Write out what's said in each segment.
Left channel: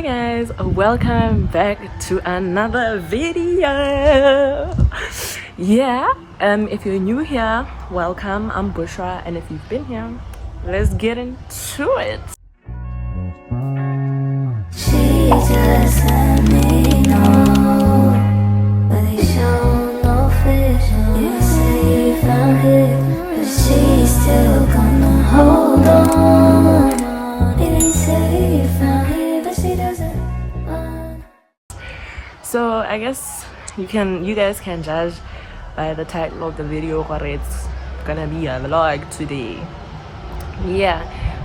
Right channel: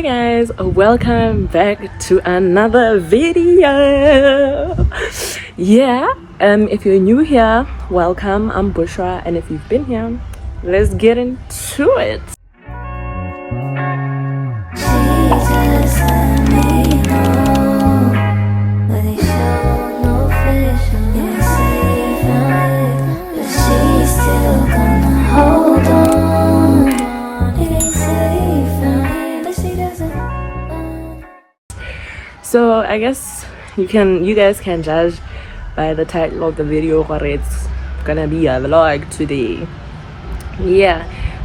Hi guys, welcome back to another video. If you're new here, welcome. I'm Bushra, and if you've been here, let's get into it. So I guess you guys can judge by the title of the video what it's gonna be a vlog today.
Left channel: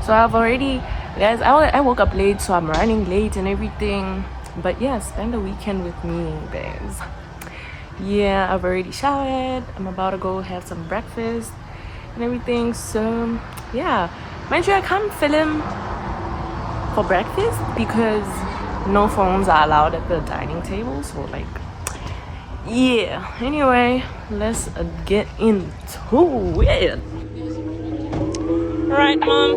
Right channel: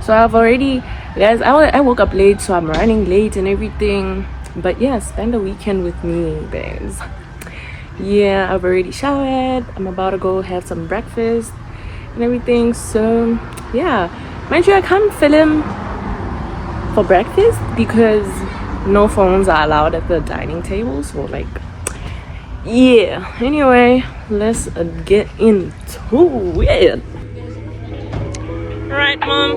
So I've already, guys, I woke up late, so I'm running late and everything, but yeah, spend the weekend with me, guys. I've already showered. I'm about to go have some breakfast and everything. So yeah, mind you, I can't film for breakfast because no phones are allowed at the dining table. So like, anyway, let's get into it. All right, mom.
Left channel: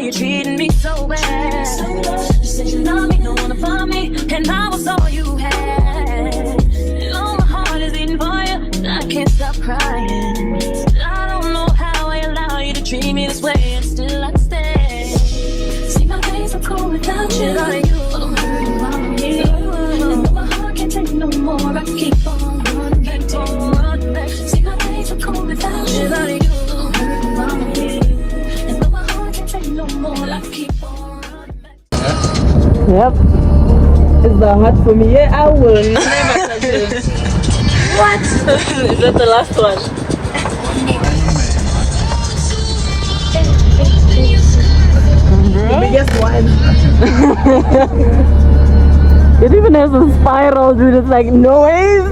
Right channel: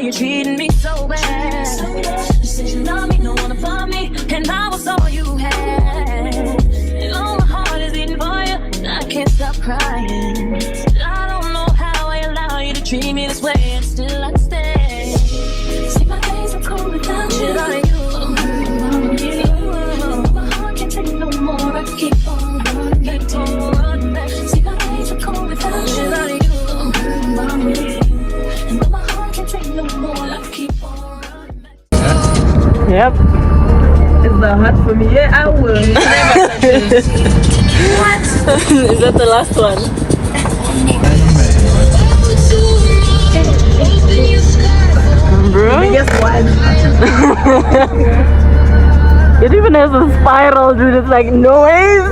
You're treating me so bad. You said you love me, don't wanna find me, and I was all you had. And all my heart is beating for you, I can't stop crying. I don't know how I allow you to treat me this way, and still I stay. See, my days are cold without you. Without you. And my heart can't take no more. I keep on running back. See, my days are cold without you. Without you. Yep. It's hard for me. I will. What? Is that the last one? Biggest one. It even has a spiral, dude. It's like noise.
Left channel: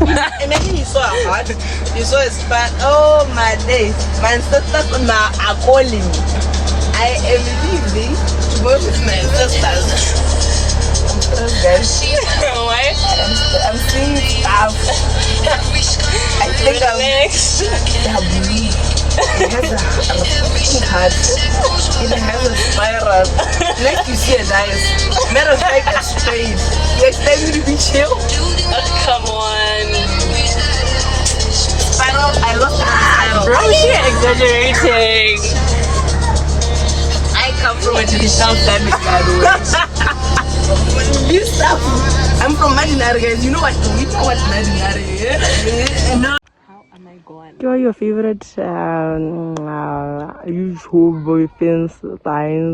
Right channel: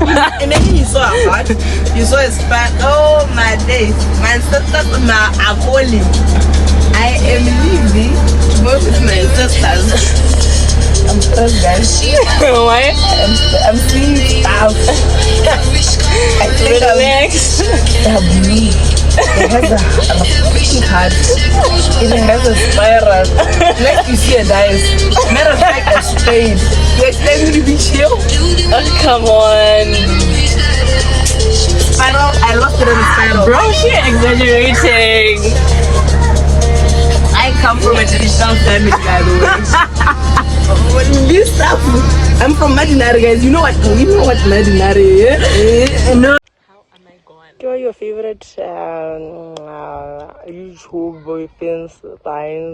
Imagine you saw a heart. You saw a spiral. Oh my days. My sister now are calling. I am leaving. Both of my sisters. I'm stressed, guys. Why? I'm seeing stuff. I think I'm weak. It has a freaking heart. It has a spiral. Next you see a dice. Matter of fact, a spade. You expect me to be chill? Come on. Spiral, I lost it on the spiral. Bro, she exaggerating. I come from a traditional family, by the way. This stuff, I'm from Madinari, guys. You know what Madinari is? No. How am I going? What are your favorite usual boyfriends,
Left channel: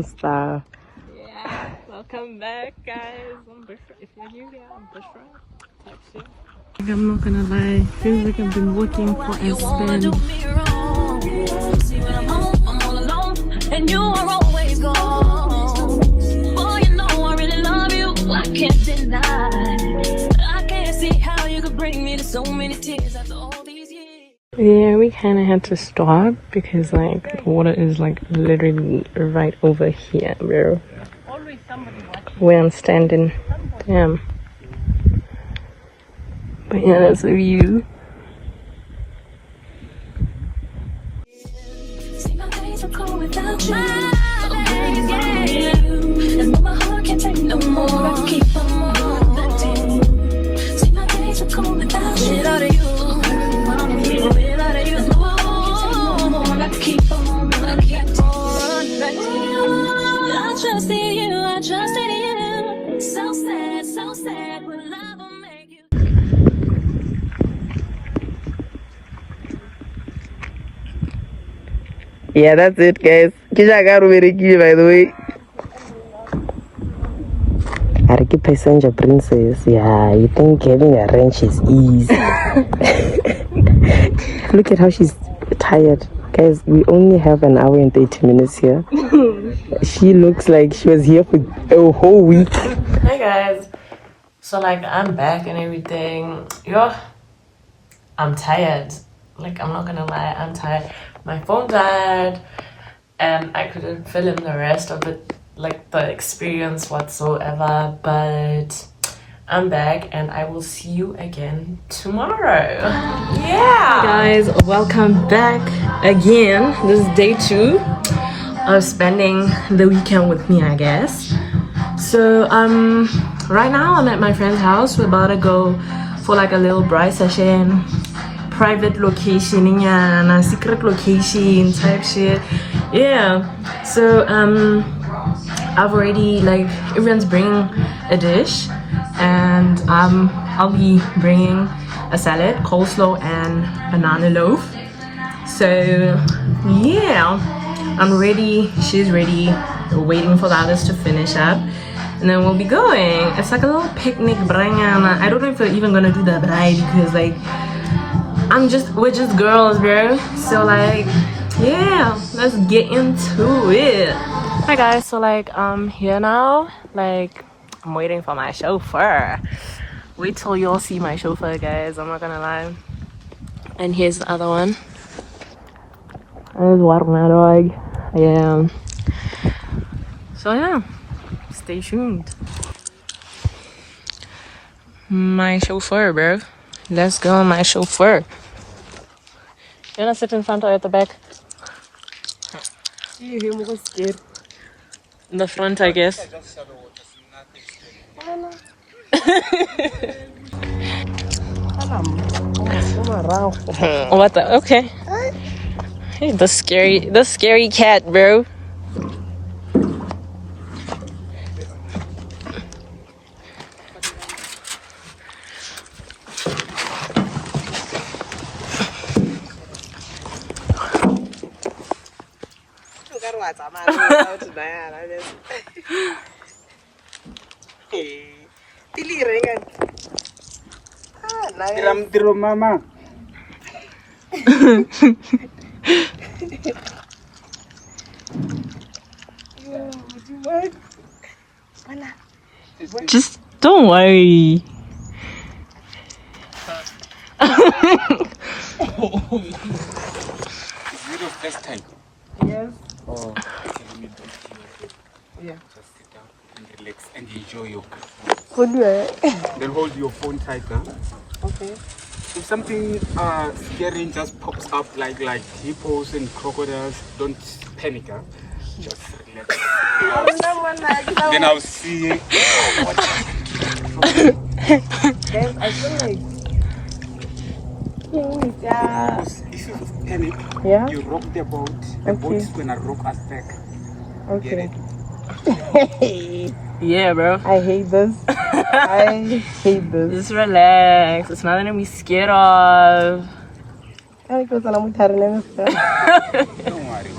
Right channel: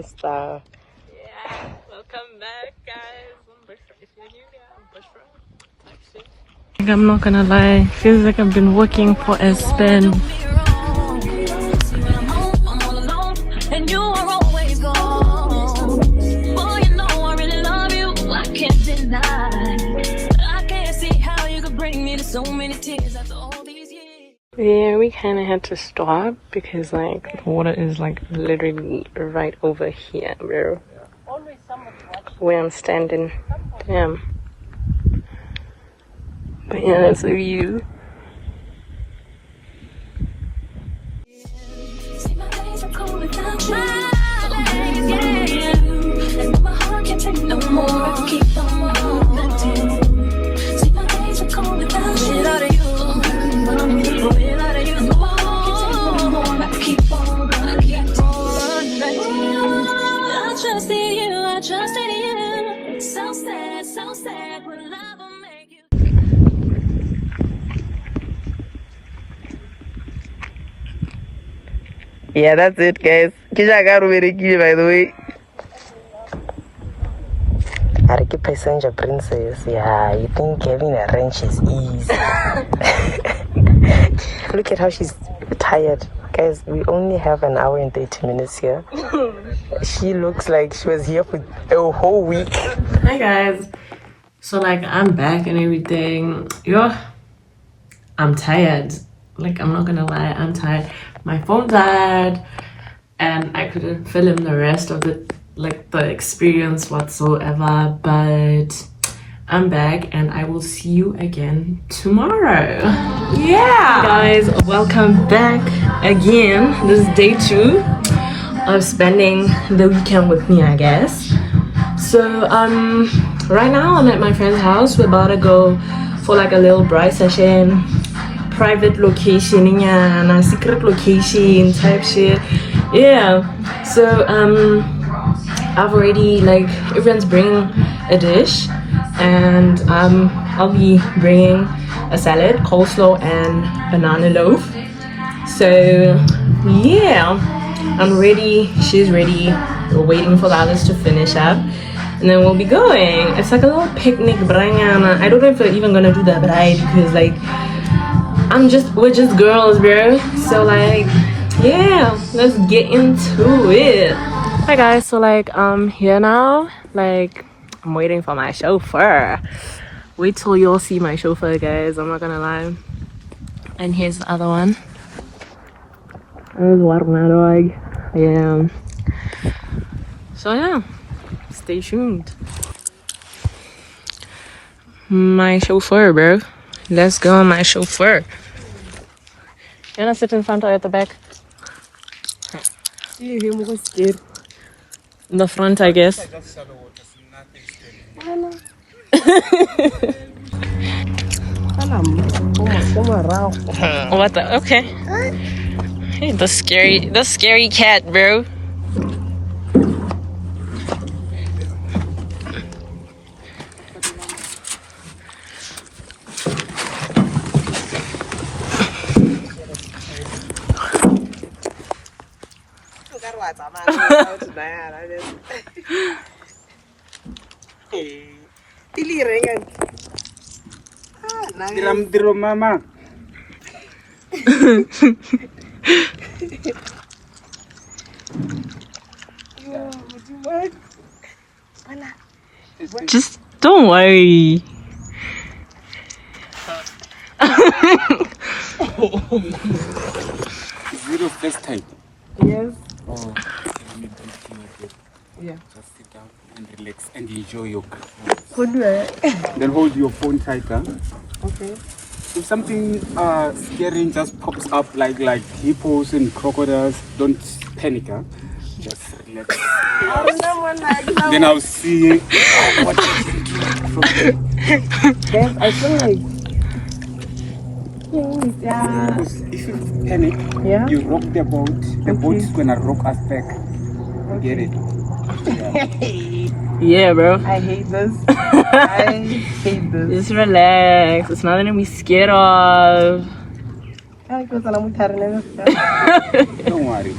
stuff? Yeah, welcome back, guys. I'm Bushra. If you're new here, I'm Bushra. I'm not gonna lie, feels like I've been working for a spin. And you are always gone. Boy, you know I really love you. I can't deny. I can't see how you could bring me to so many tears after all these years. Yeah, we kind of had to stop because like the water is like literally right over here, bro. Where I'm standing. Damn. But yeah, that's the view. Yeah, that's it, guys. Kisha Garuberiki, by the way. Ariki passenger princess. Yeah, you think having a wrench is easy. Look at how she's tired. Guys, we only have an hour and 30 minutes here. She looks like she was here for a whole week. Hi guys. So like I'm back and everything. Yo, I'm tired. Like I'm not gonna lie, I'm tired. My phone died and I couldn't film the rest of it, like the experience whatsoever. But I'm back and I will see you again tomorrow. Yeah. Hey guys, welcome back again. This is day 2 of spending the weekend with me, I guess. So right now I'm at my friend's house. We're about to go for like a little bride session, private location, and a secret location type shit. Yeah. So I've already, like, everyone's bringing a dish, and I'll be bringing a salad, coleslaw, and banana loaf. So yeah, I'm ready. She's ready. We're waiting for the others to finish up, and then we'll be going. It's like a little picnic, brangana. I don't know if we're even gonna do the bride because, like, we're just girls, bro. So, like, yeah, let's get into it. Hi guys, so like I'm here now. Like, I'm waiting for my chauffeur. Wait till you'll see my chauffeur, guys. I'm not gonna lie. And here's the other one. There's my dog. Yeah. So yeah, stay tuned. My chauffeur, bro. Let's go, my chauffeur. You wanna sit in front or at the back? I'm scared. In the front, I guess. What the? Okay. Hey, the scary cat, bro. Tiro mama. Just don't worry. Is it your first time? Yes. Oh. Yeah. Just sit down and relax and enjoy your Hold it. Then hold your phone tighter. Okay. If something scary just pops up like hippos and crocodiles, don't panic, huh? Just relax. Then I'll see what I can do from there. Guys, I feel like Because if you panic, yeah. you rock the boat. The boat's gonna rock us back. Get it? Yeah, bro. I hate this. I hate this. Just relax. It's nothing to be scared of. Don't worry.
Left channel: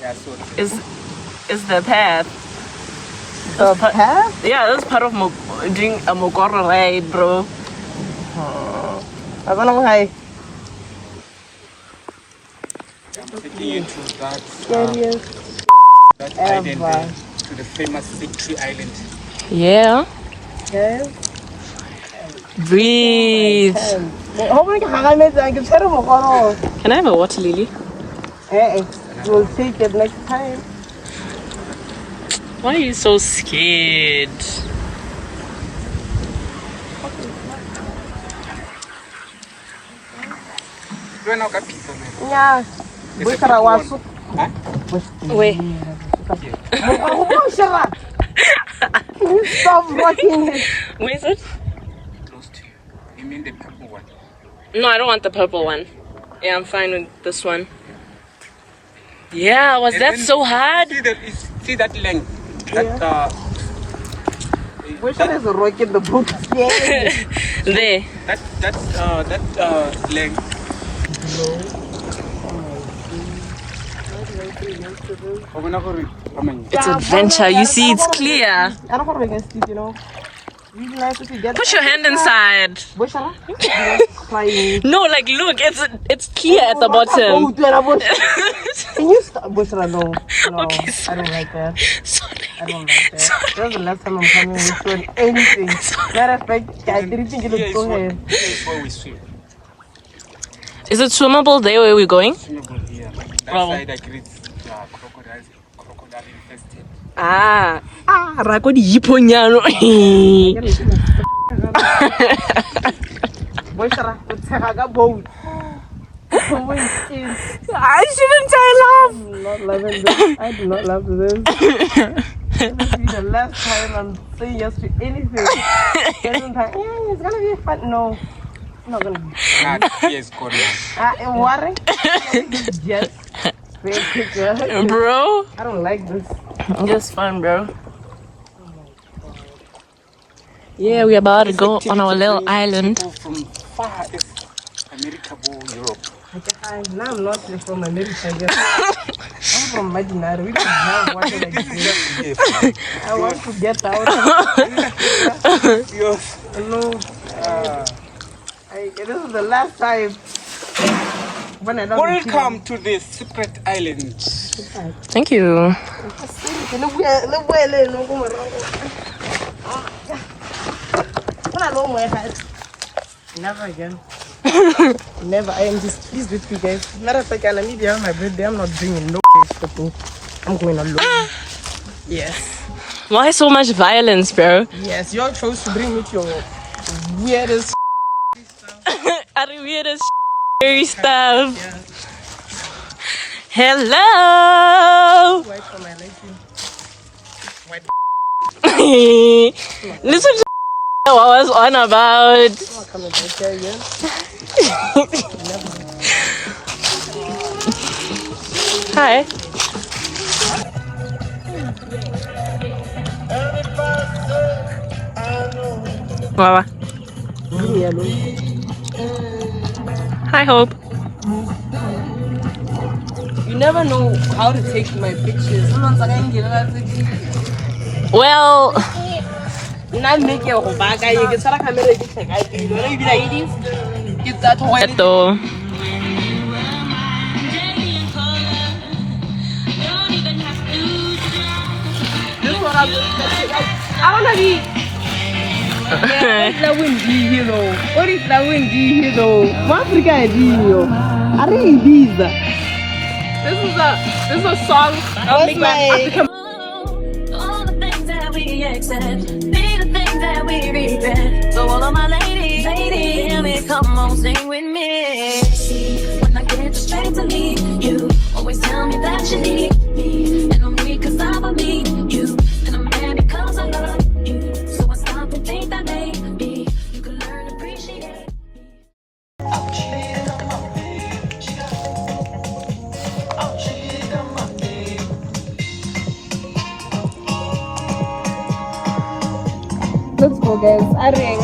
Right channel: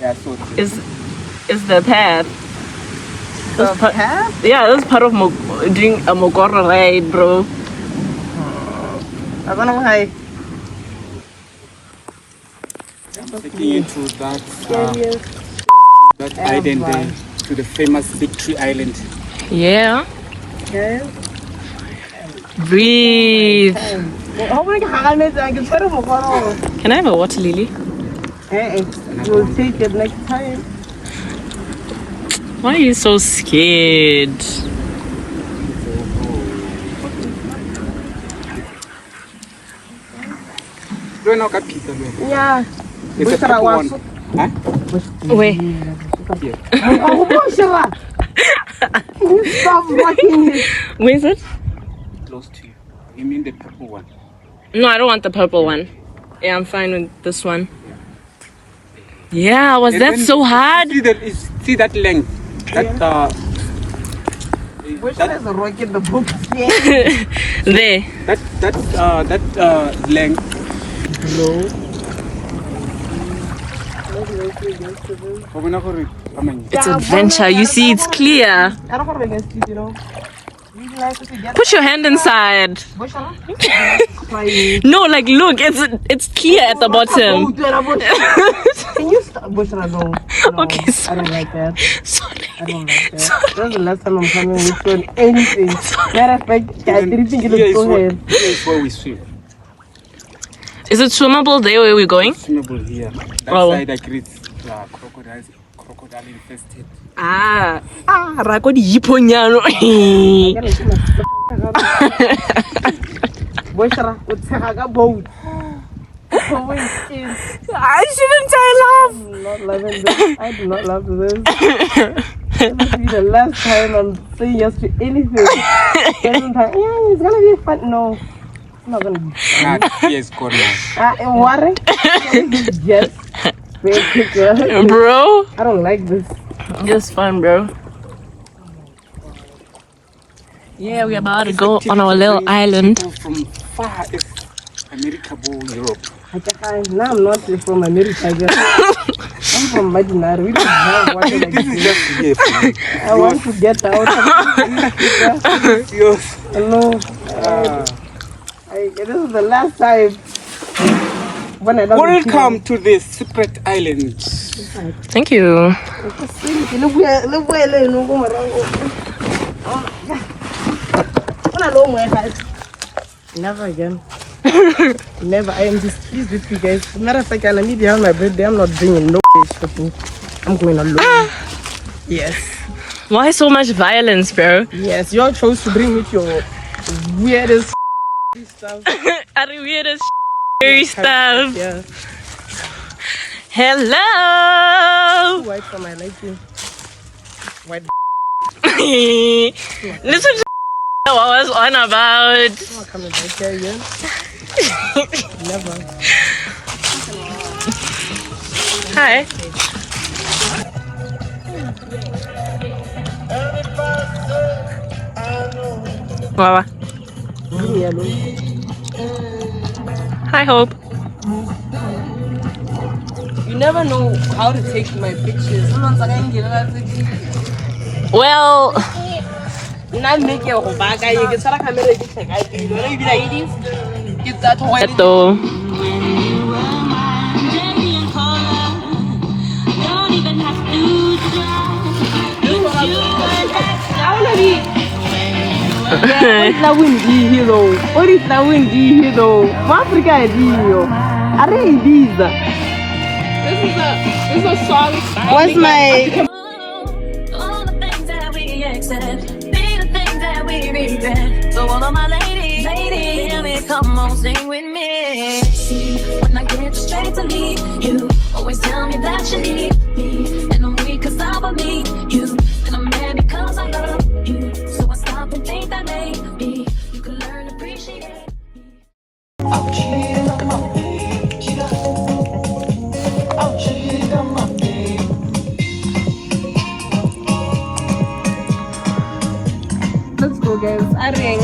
Yeah, so It's the path. The path? Yeah, that's part of doing a Mogoro ride, bro. I'm gonna like I'm taking you to that scariest island, to the famous Victory Island. Yeah. guys. Breathe. How many hands I can tell them? Can I have a water lily? Hey, you'll take it next time. Why are you so scared? Yeah. It's a Wait, purple one. Huh? Wait. Can you stop watching it? Where is it? Close to you. You mean the purple one? No, I don't want the purple one. Yeah, I'm fine with this one. Yeah, was And that then so hard? See that length? Which one is the rock in the book? There. That length. It's adventure. You see, it's clear. Put your hand inside. No, like, look, it's clear at the bottom. Can you stop? No, Okay, I don't like that. Sorry. I don't like that. That's the last time I'm coming with you on anything. Matter of fact, I didn't think it Here was is so where, heavy. here is where we swim. Is it swimmable there where we're going? Swimmable here. That Oh. side I create crocodile infested. Ah, rako di iponyano. Boy, Sarah, what's a boat? I shouldn't say laugh. I'm not loving this. I do not love this. This will be the last time I'm saying yes to anything. Second time, yeah, it's gonna be fun. No, it's not gonna be fun. Nah, here is gone now. What? Just fake picture. Bro, I don't like this. just fun, bro. Yeah, we're about to go on our little island. People from far as America or Europe. No, I'm not from America. I'm from Imaginary. We don't have water like This is this. just here for me. I want to get out. Yours. No. This is the last time when I don't. Welcome to the secret island. Thank you. Never again. Never. I am just pleased with you guys. Matter of fact, I need to have my birthday. I'm not bringing no shopping. I'm going alone. Yes. Why so much violence, bro? Yes, you all chose to bring with your weirdest stuff. Are the weirdest scary stuff. Yeah. Hello. White for my liking. White. Listen to what I was on about. I'm coming back here again. Never. Hi. Wawa. Leave me alone. Hi, Hope. You never know how to take my pictures. Someone's like, Well, not make your back. You can start a camera. You can like this. Get that one. ito. I wanna be. What is that windy hero? What is that windy hero? Africa is hero. Are you this? This is a song. What's my? All the things that we accept, be the things that we regret. So all of my ladies, hear me, come on, sing with me. See, when I get straight to me, you always tell me that you need me, and I'm weak 'cause I need you, and I'm mad because I love you. So I stop and think that maybe you can learn to appreciate it. Let's go, guys. Arring,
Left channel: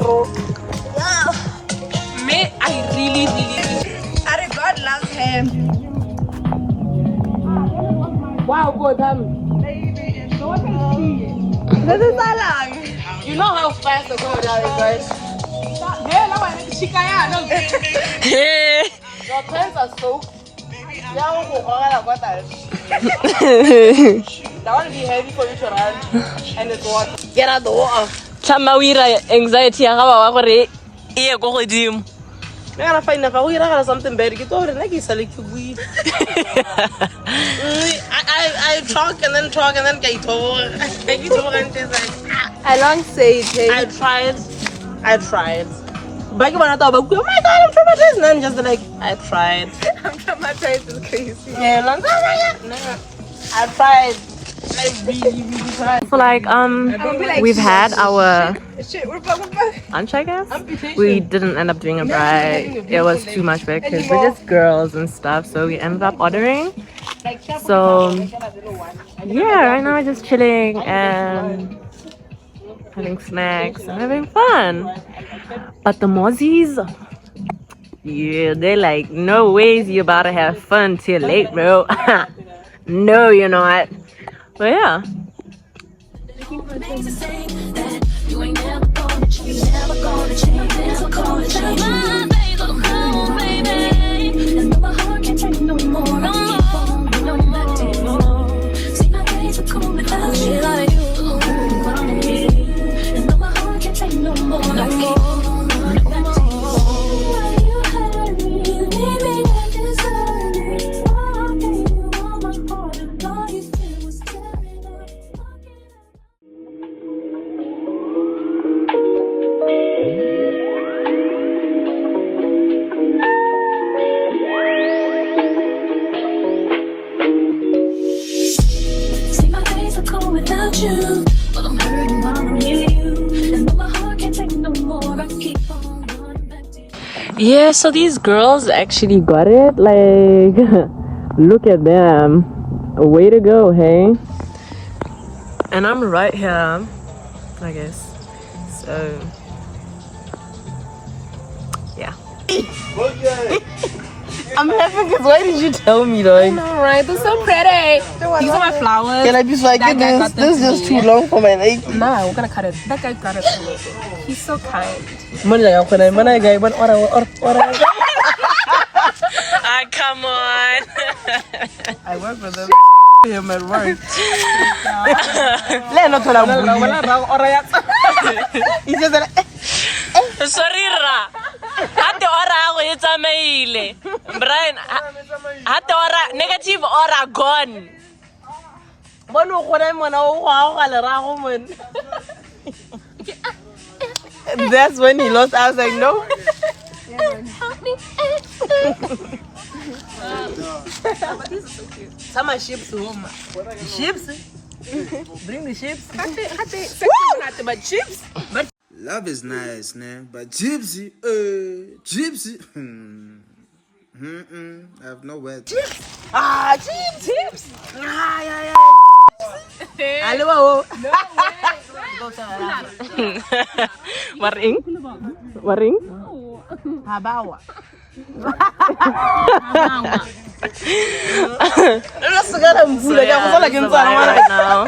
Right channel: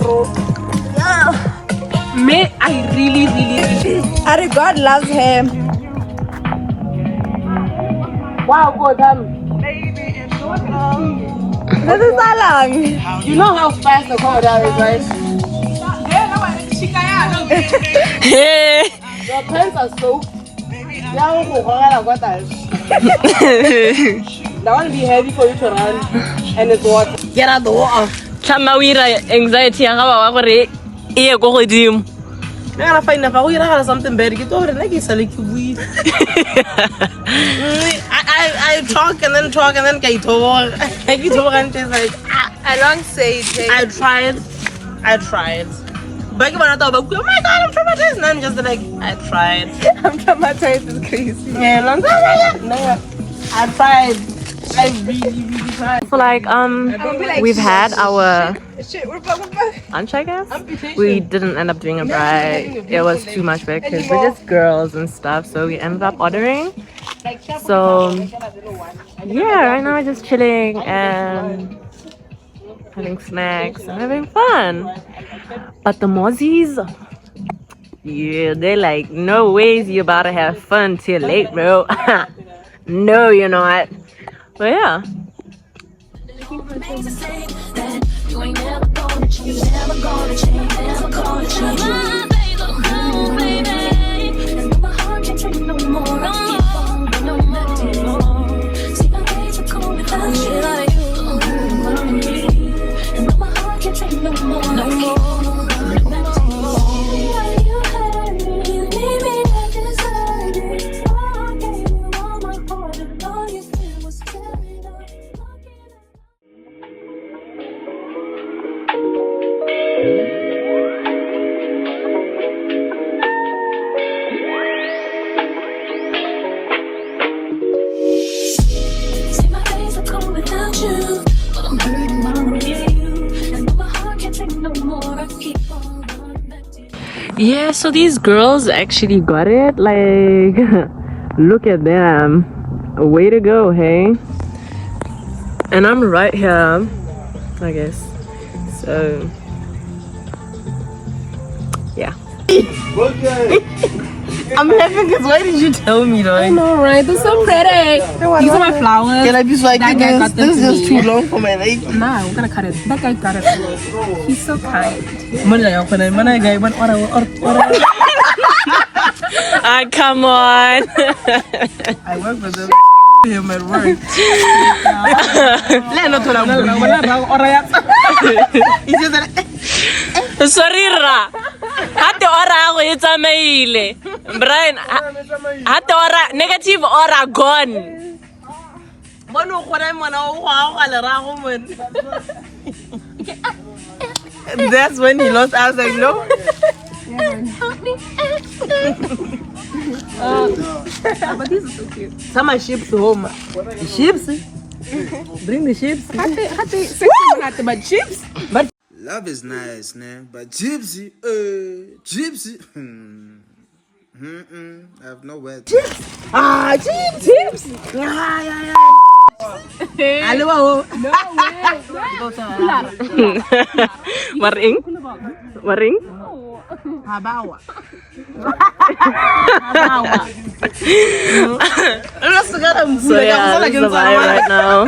bro. Me, I really. Arring, God loves him. Wow, God, this is so long. You know how fast the corridor is, right? Hey. Your pants are soaked. That one be heavy for you to run, and it's water. Get out the water. Chamawira anxiety yang kawa gore iye go godimo. I gotta find out how you have something better. Get over the neck, it's like you weed. I talk and then I talk. I get talk and it's like I don't say it. I tried. But you wanna talk about, oh my God, I'm traumatized. And I'm just like, I tried. I'm traumatized and crazy. Yeah, no, I tried. I really tried. So like we've had our Shit, we're back. lunch, I guess. We didn't end up doing a bride. It was too much work because we're just girls and stuff. So we ended up ordering. So yeah, right now we're just chilling and having snacks and having fun. But the Mozzies, yeah, they're like, no ways you about to have fun till late, bro. No, you're not. But yeah. Things to say that you ain't never gonna change, never gonna change, never gonna change. My baby, oh baby, and my heart can't take no more. No more, no more. See, I hate to call it. Yeah, so these girls actually got it. Like, look at them. Way to go, hey? And I'm right here, I guess. So, yeah. I'm laughing because why did you tell me though? I know, right? They're so pretty. These are my flowers. Can I be like, That guy got this them is to too me. long for my leg. Nah, we're gonna cut it. That guy got it. He's so kind. Ah, come on. I work for them. Him at work. He said that. Sorry, Ra. Hati ora ako itsamaile. Brian, hati ora negative ora gone. That's when he lost. I was like, no. But these are so cute. Some are ships home. The ships? Bring the ships. But chips? Love is nice, man, but gypsy, gypsy. I have no words. Ah, chips. Ah, yeah. Hello. No Waring? Waring? Habawa. So yeah, this is the vibe right now.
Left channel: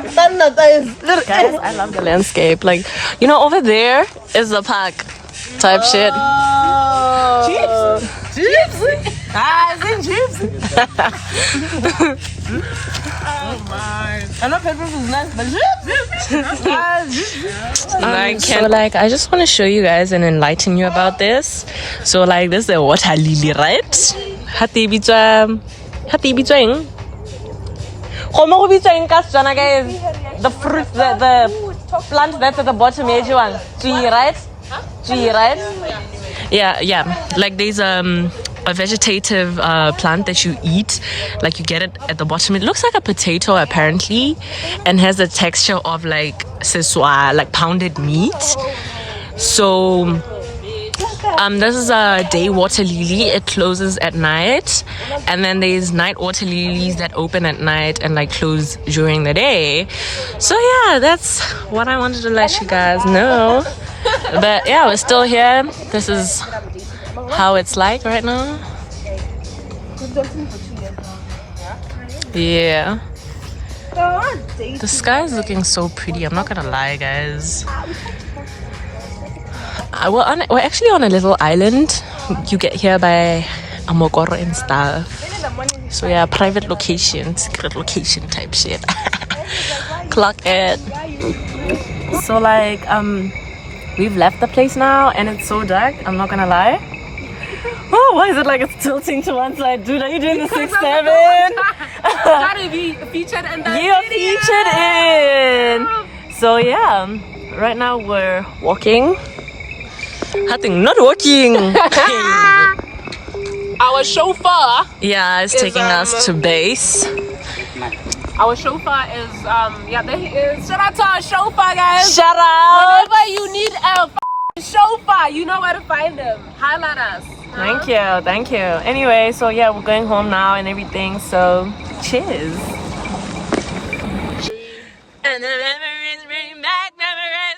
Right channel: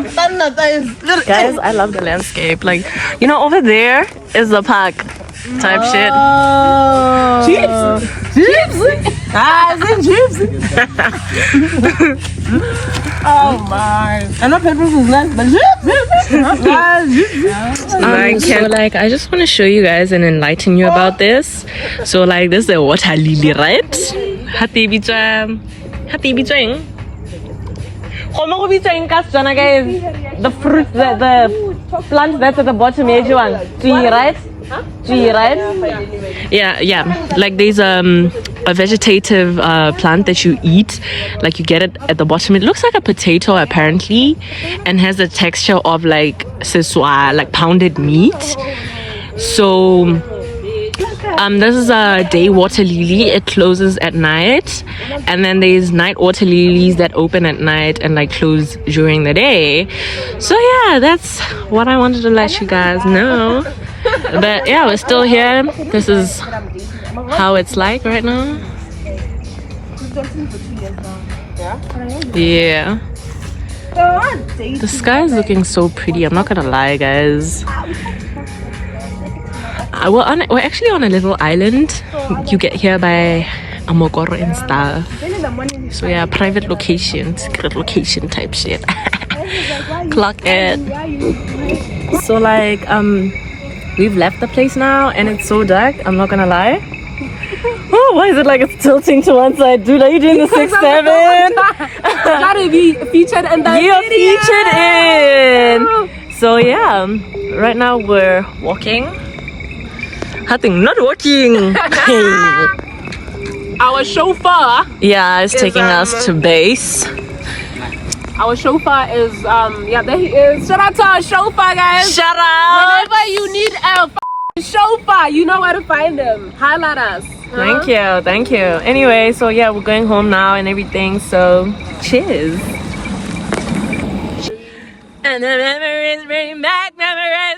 Guys, I love the landscape. Like, you know, over there is the park type shit. Chips. Ah, is it chips? Oh my. I'm not pepper food's nice, but Like, I just want to show you guys and enlighten you about this. So like, this is a water lily, right? Hati bitwa eng? Khomo go bitwa eng ka Setswana, guys? The fruit, the plant that's at the bottom, tree, right? Tree, right? Yeah. Like there's a vegetative plant that you eat. Like you get it at the bottom. It looks like a potato apparently, and has the texture of like seswa, like pounded meat. So this is a day water lily. It closes at night, and then there's night water lilies that open at night and like close during the day. So yeah, that's what I wanted to let you guys know. But yeah, we're still here. This is how it's like right now. Yeah. The sky is looking so pretty. I'm not gonna lie, guys. We're actually on a little island. You get here by Amokoro and stuff. So yeah, private location, secret location type shit. Clock it. So like we've left the place now and it's so dark. I'm not gonna lie. Oh, why is it like it's tilting to one side, dude? Are you doing the 6-7? Gotta be featured in that We are video. featured in. So yeah, right now we're walking. Nothing, not walking. Our chauffeur. Yeah, it's taking us to base. Our chauffeur is yeah, there he is. Shout out to our chauffeur, guys. Shout out. Whenever you need a chauffeur, you know where to find him. Highlight us. Thank you. Anyway, so yeah, we're going home now and everything. So cheers. And the memories bring back memories.